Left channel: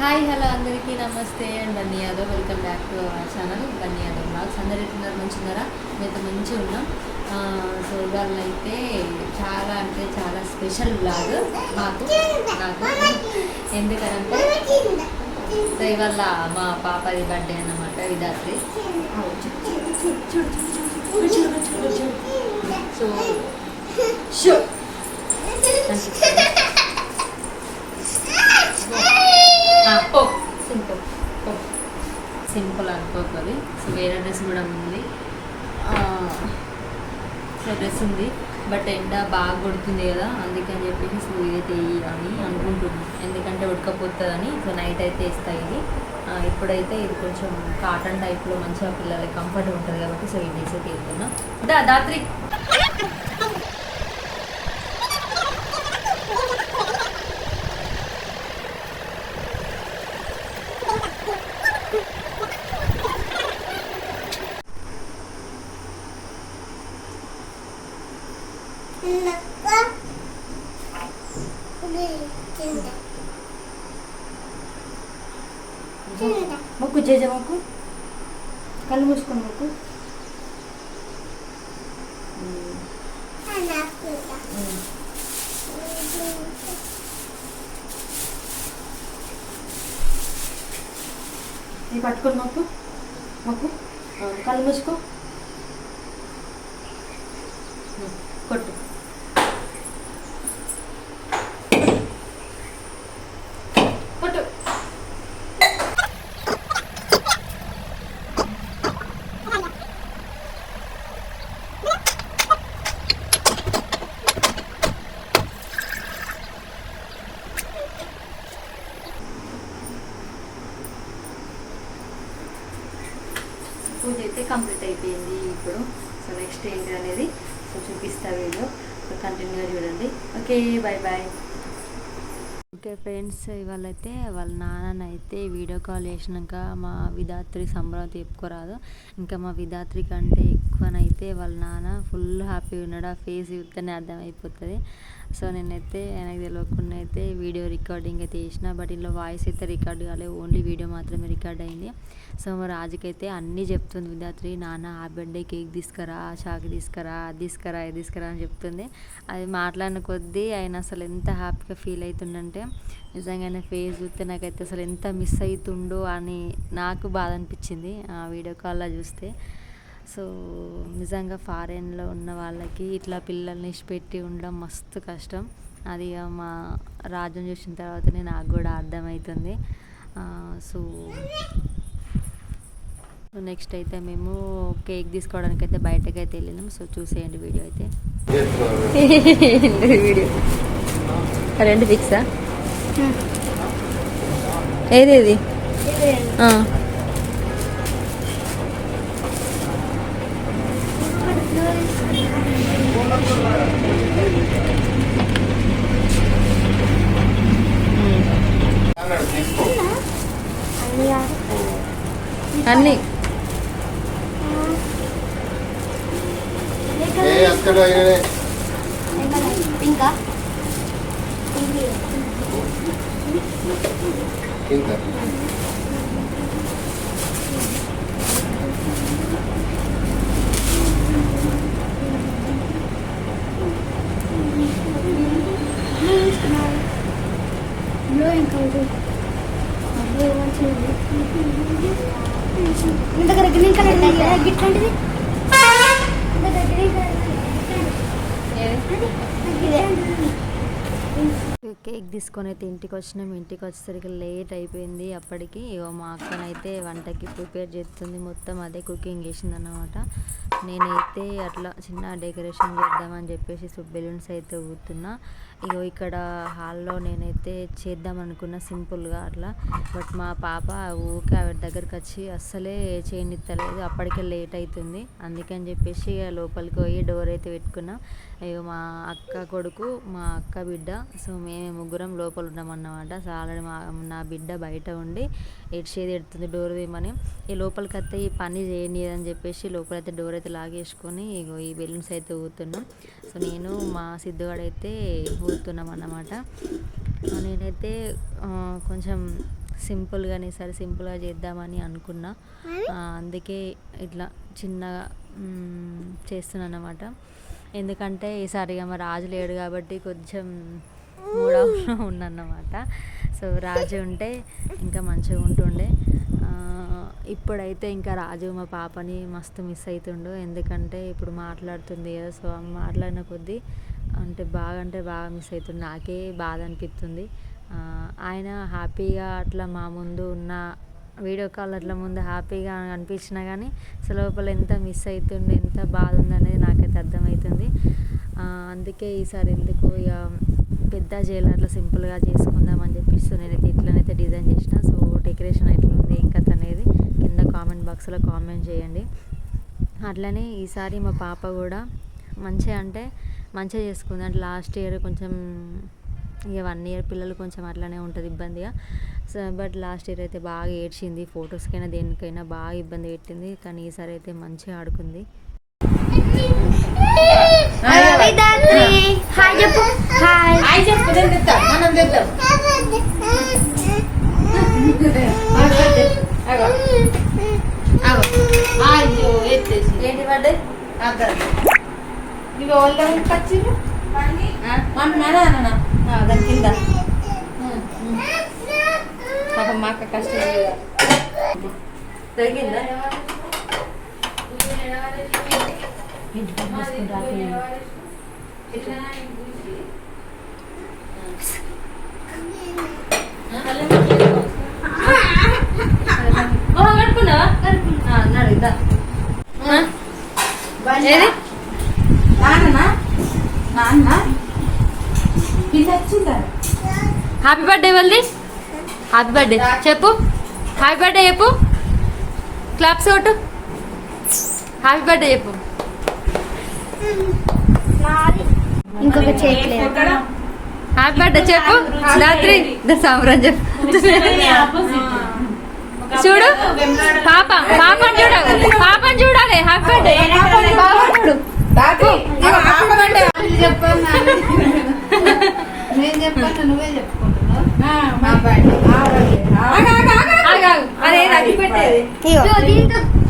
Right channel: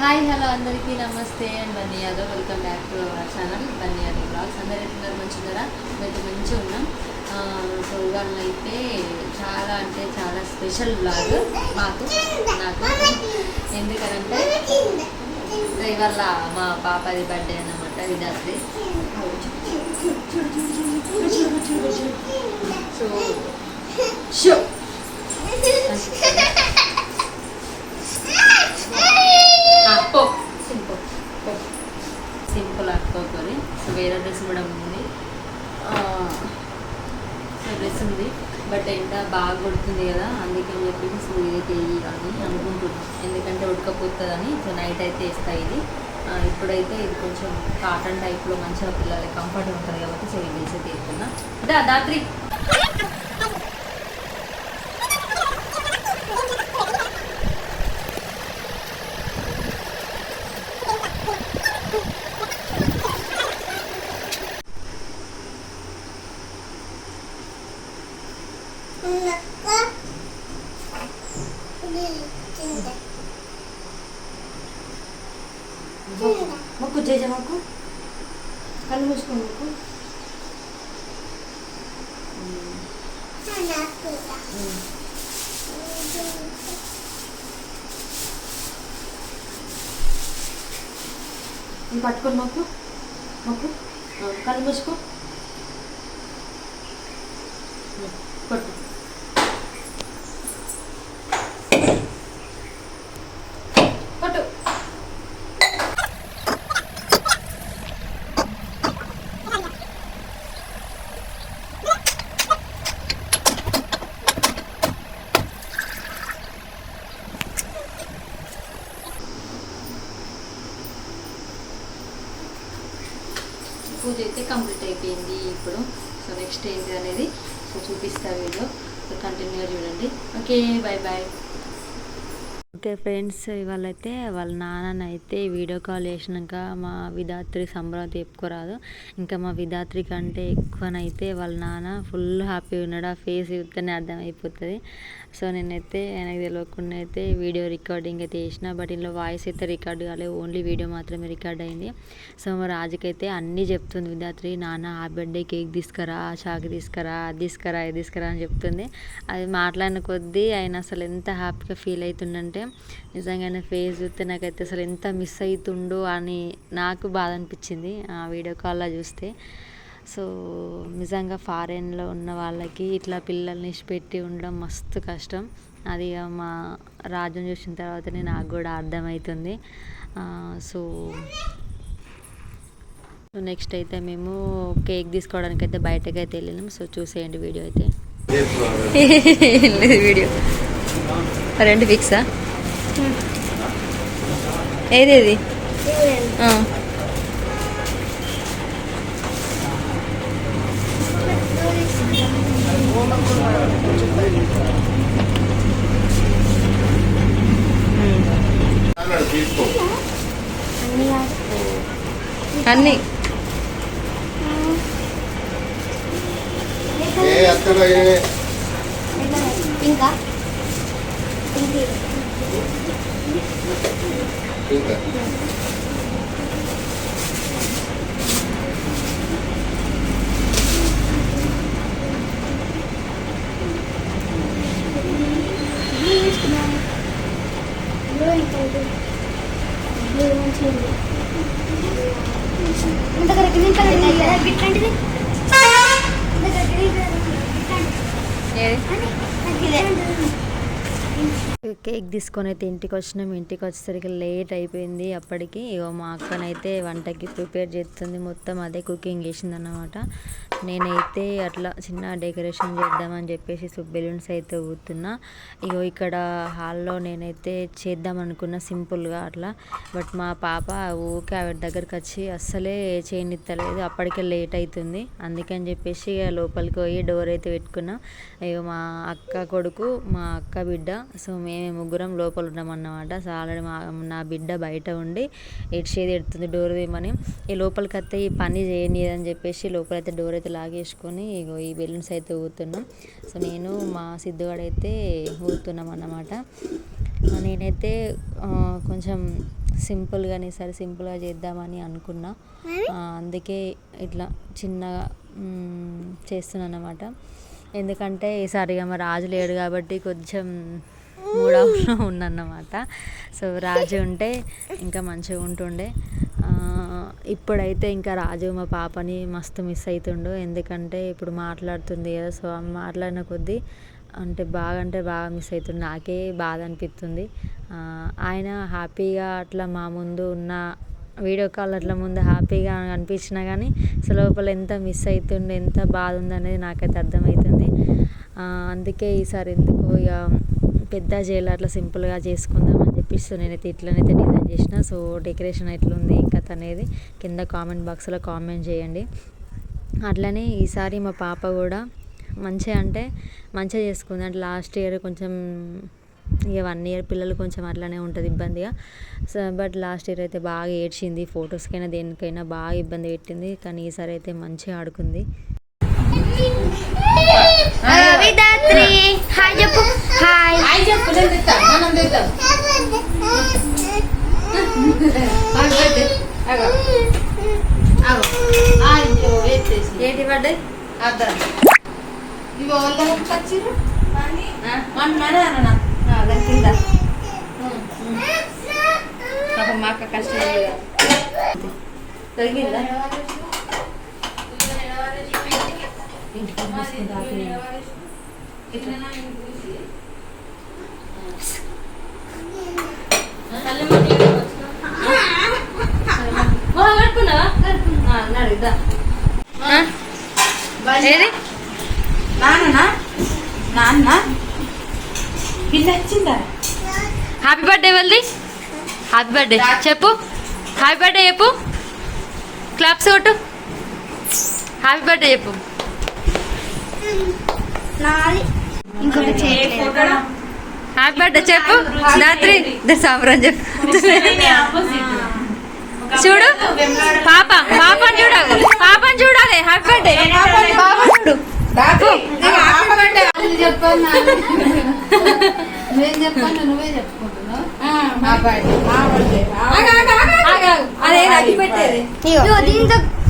Hi hello అందరికీ నమస్తే and Bunny Yadav welcome back to our channel Bunny Yadav blogs. అందరు ఎట్లున్నారు? మంచిగా మేమైతే మంచిగా ఉన్నాం. సో ఇవాళ అయితే చాలా అంటే చాలా స్పెషల్ బ్లాగ్ నాకు ఎందుకంటే సో ఇవాళ మా పాపది బర్త్డే అన్నమాట, విద్యార్థి. సో షో సింపుల్ అనుకోకరి. సో వేరే డ్రెస్ కూడా ఉంది. సో డ్రెస్ ఉంది బట్ ఎండ బాగా కొడుతుంది కదా, అందుకని చెప్పేసి సో ఇదైతే అని అనుకుంటున్నాం. ఎందుకంటే ఉడకపోతుందని. సో నైట్ అయితే వేస్తాయి ఇది. ఇప్పుడైతే ఇది కొంచెం కాటన్ టైప్లో మంచిగా పిల్లలకి కంఫర్ట్గా ఉంటుంది కాబట్టి సో ఇది వేసే తీరుతున్నా. దాత్రి మొక్కు చేజ మొక్కు, కళ్ళు మూసుకొని మొక్కు. ఇది పట్టుకొని మొక్కు మొక్కు, కళ్ళు మూసుకో, కొట్టు. పూజ అయితే కంప్లీట్ అయిపోయింది ఇప్పుడు. సో నెక్స్ట్ ఏంటి అనేది సో చూపిస్తా వీడియో. సో కంటిన్యూగా చూడండి. Okay, bye bye. Okay friends, ఇవాళ అయితే వాళ్ళ నాన్ననైతే వీడియో కాల్ చేసినాక మా విధాత్రి సంబరం చెప్పుకోరాదు. ఇంకా మా విధాత్రి కంటే ఎక్కువనైతే వాళ్ళ నాన్న ఫుల్ హ్యాపీగా ఉన్నాడు. ఆ ఫేస్ చూస్తేనే అర్థమైపోతుంది. సో నేనైతే ఆయనకు తెలియకుండా అయితే వీడియో రికార్డింగ్ అయితే చేసిన, బట్ ఇందులో వాయిస్ అయితే రికార్డ్ కాలేదు, ఓన్లీ వీడియో మాత్రమే రికార్డ్ అయింది. సో మా రాజుకైతే అన్నీ చెప్తుంది విధాత్రి. నాన్న ఆ బర్త్డే కేక్ తీసుకురా, చాకు తీసుకురా, అది తీసుకురా, ఇది తీసుకురా అని చెప్తుంది. అది మాట్లాడిన కొద్దీ ఆయన అసలు ఎంత హ్యాపీగా ఫీల్ అవుతుండంటే నిజంగానే ఫేస్ చూస్తే నాకైతే అసలు ఎంత మిస్ అవుతుండో అని నాకు బాధ అనిపించింది ఆ వీడియో కాల్లో చూస్తే. సో నిజంగా ఫారెన్లో ఉన్న వాళ్ళకి ఇట్లా పిల్లల్ని పెట్టి ఉండడం మస్తు కష్టం. అది మా రాజుని చూసిన తర్వాతనే నాకు కూడా అర్థమవుతుంది. సో నెక్స్ట్ అయితే మేము కేక్ తీసుకోవడానికి అయితే బయటకు అయితే వెళ్ళినాం. సో చూసేయండి వీడియో అయితే. వీడియో రెండు ఫిక్సా? ఏదేది అన్నీ ఇంకా కేక్ తీసుకొని అయితే ఇంటికి వచ్చినాం. ఇంటికి వచ్చేసరికి లేట్ అయిపోయింది. అప్పటికి మా అక్కనైతే వంటకి ప్రిపేర్ చేస్తుంది, మొత్తం అదే కుకింగ్ చేసింది అన్నమాట. నేనైతే అట్లా చిన్న డెకరేషన్ చేద్దామని చెప్పేసి బెలూన్స్ అయితే ఊతున్నా. ఇక్కడ హాల్లో నేనైతే చేద్దాం అనుకున్నా సింపుల్గా అట్లా. బట్ మా పాప ఊకే ఆవిడ దగ్గరికి వచ్చి అస్సలే చేయనిత్తలేదు. అప్పటికే లేట్ అవుతుంది, అందుకని చెప్పేసి లోపలికి పోయి డోర్ అయితే పెట్టుకున్నా. మా అక్క కొడుకు, మా అక్క బిడ్డ, సో మేము ముగ్గురం లోపల ఉన్నామన్నమాట. సో ఆల్రెడీ నా బిడ్డ బయట ఉండి చేది ఎడుతుంది డోర్ వేయమని. ఈ లోపలికి వస్తే ఈ పని చేయనీయదని చెప్పేసి లోపలైతే డోర్ అయితే లాగేసుకొని ఈ బెలూన్స్ అయితే ఊతున్నాం. సో నేను మా సిద్ధుగాడైతే ఊతున్నాం అన్నమాట. నేనైతే కొంచెం సింపుల్గానే సరే సింపుల్గా చేద్దామని అనుకున్నా. అందుకే ఇట్లా చిన్నగా చేస్తున్నాను అన్నమాట. ఎందుకంటే ఈసారి మా రాజు లేడు కాబట్టి కొంచెం మూడవలో ఉన్నమాట. సో రాజు ఉంటే ఇంకా మంచిగా ఉంటుండే. ఇప్పుడైతే ఇంకా రాజు మా పాపని మస్తు మిస్ అవుతుండు. ఎందుకంటే ఇప్పుడు మాట్లాడుతుంది కదా, సో మాట్లాడిన కొద్దీ అంటే బాగా మిస్ అవుతుంది. నాకే బాధ అనిపిస్తుంది. ఆయన హ్యాపీగా అట్లా మా ముందు ఉన్న వీడియో కాల్ అట్లా ముందు హ్యాపీగా అనిపించినా కానీ అసలు లోపల ఎంత మిస్ అవుతుండే, ఎంత బాధ ఉందనేది నాకైతే అర్థమవుతుంది. అందుకే ఈసారి ఎందుకు ఇక పెద్ద చేయాలి, అట్లా సింపుల్గా చేసుకుందామని చెప్పేసి నేనైతే ఇట్లనైతే డిజైన్ చేసిన. సో డెకరేషన్ ఎట్లుంది ఇంకా అనేది కింద కామెంట్ బాక్స్లో కామెంట్ చేయండి. అట్లనే ఈసారి మా పాప కూడా మంచిగా చేసుకుంది. అంటే లాస్ట్ ఇయర్ కొంచెం ఇక 1 year పిల్లలు కొంచెం అట్లనే ఉంటుంది ఇబ్బందిగా. సో బట్ లాస్ట్ ఇయర్ అయితే బాగా ఏడ్చింది. ఫొటోస్కైనా దేనికైనా బాగా ఇబ్బంది పెట్టింది. కానీ ఈసారి అయితే మంచిగా ఆడుకుంది. ఏంటి బర్త్డే ఇవి వాళ్ళ పచ్చిరు అంటున్నాడే అన్న దాని కింద మా అక్క కష్టం తగ్గిందా కట్టుకున్నావా అన్నాడు ఇద్దా ఏది హ్యాపీ బర్త్డే వాళ్ళది. హ్యాపీ బర్త్డే చెప్పు. హ్యాపీ బర్త్డే చెప్పు. క్లాప్స్ కొట్టు. హ్యాపీ బర్త్డే చెప్పు. హ్యాపీ బర్త్డే చెప్పు. రాత్రి సాంబ్రాన్ చెప్పు. చూడు పాపని చూడాలి. హ్యాపీ బర్త్డే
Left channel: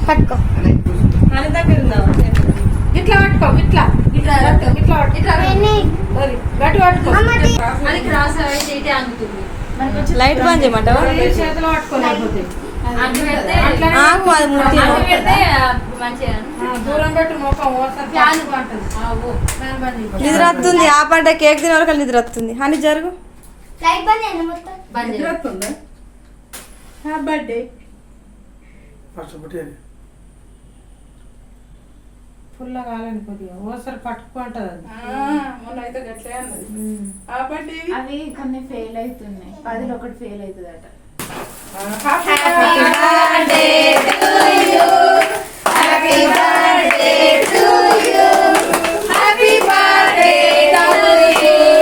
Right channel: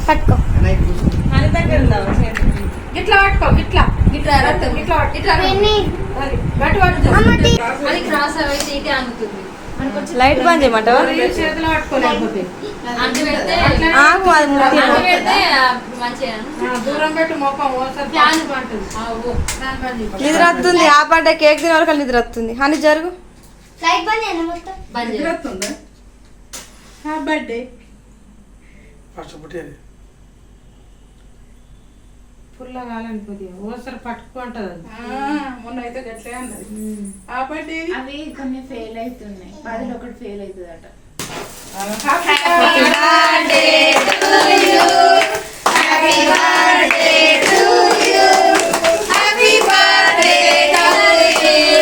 పట్టుకో. ఇట్లా పట్టుకో. లైట్ బంద్ చేయమంటావా? నిద్ర వస్తుంది. ఆ పంట కేక్ తినే వరకు నిద్ర వస్తుంది. అని జరుగు. ఫుల్ కాలని కొద్దిగా ఓసారి పట్టుకుంటది. మొన్న అయితే గట్లే అన్నది. అవి కొన్ని ఫెయిల్ అవుతున్నాయి. 10లో 1 fail అవుతుందట. Happy birthday to you. Happy birthday to you. Happy birthday to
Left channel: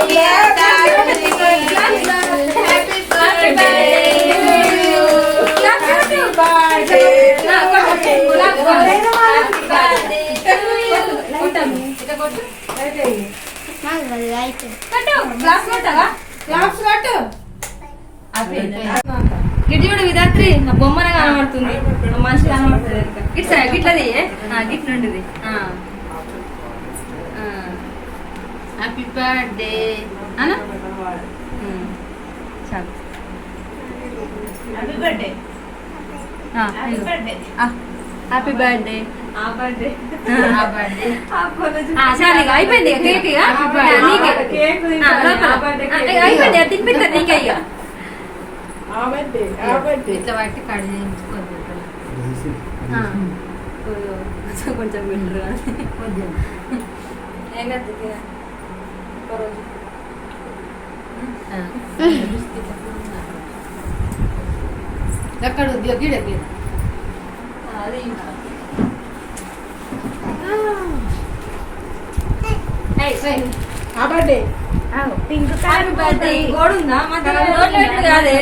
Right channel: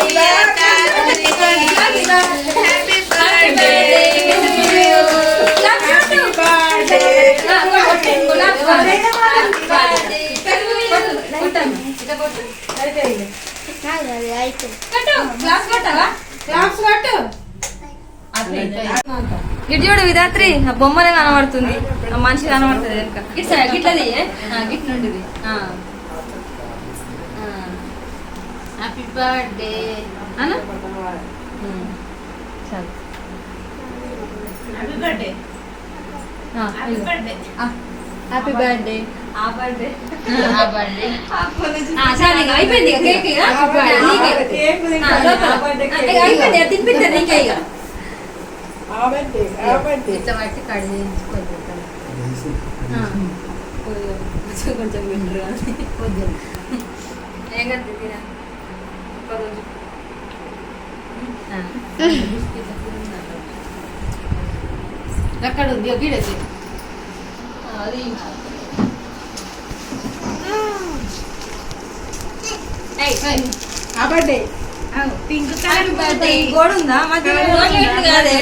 you. Happy birthday to you. Happy గిట్ల విధాత్రి బొమ్మనే కనబడుతుంది. మనిషి కనబడుతుంది. గిట్లది గిట్ నుండిది. హ్యాపీ బర్త్డే అన్న. చాలు. Happy birthday. Happy birthday. చాలు ఇక అయిపోయింది. కేక్ అయిపోయింది. తినిపిస్తారు నీకే ఇక. ఇట్లా బట్టి కడి కొంచెం వింటారు ఏం కదా ఎక్కడ ఉంది గిడకి అది పింక్ బర్త్డే గోడు ఉందా కాదే.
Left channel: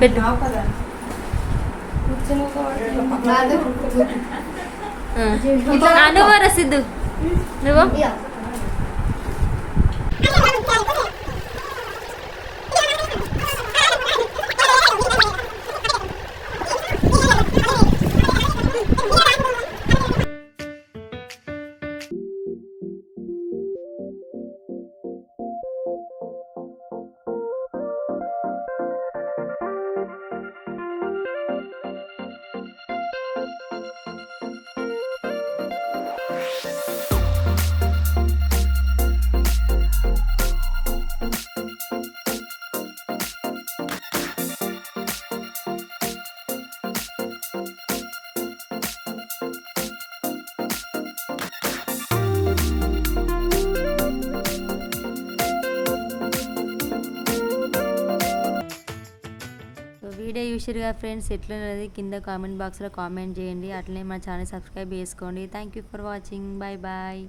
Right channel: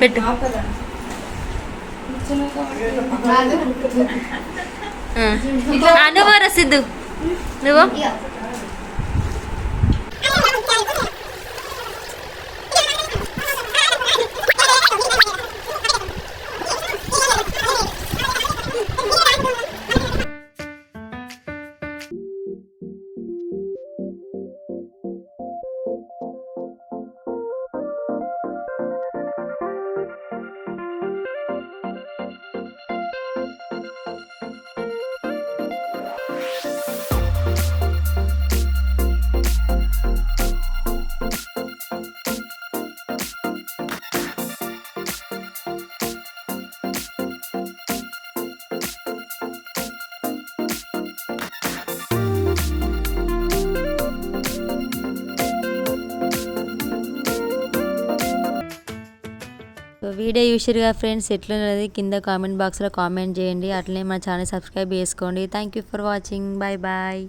పెట్టు నువ్వు రసిద్దు నువ్వు వీడియో చూసిరుగా ఫ్రెండ్స్, ఎట్లున్నది కింద కామెంట్ బాక్స్లో కామెంట్ చేయండి. అట్లనే మన ఛానల్ సబ్స్క్రైబ్ చేసుకోండి. Thank you for watching. Bye bye.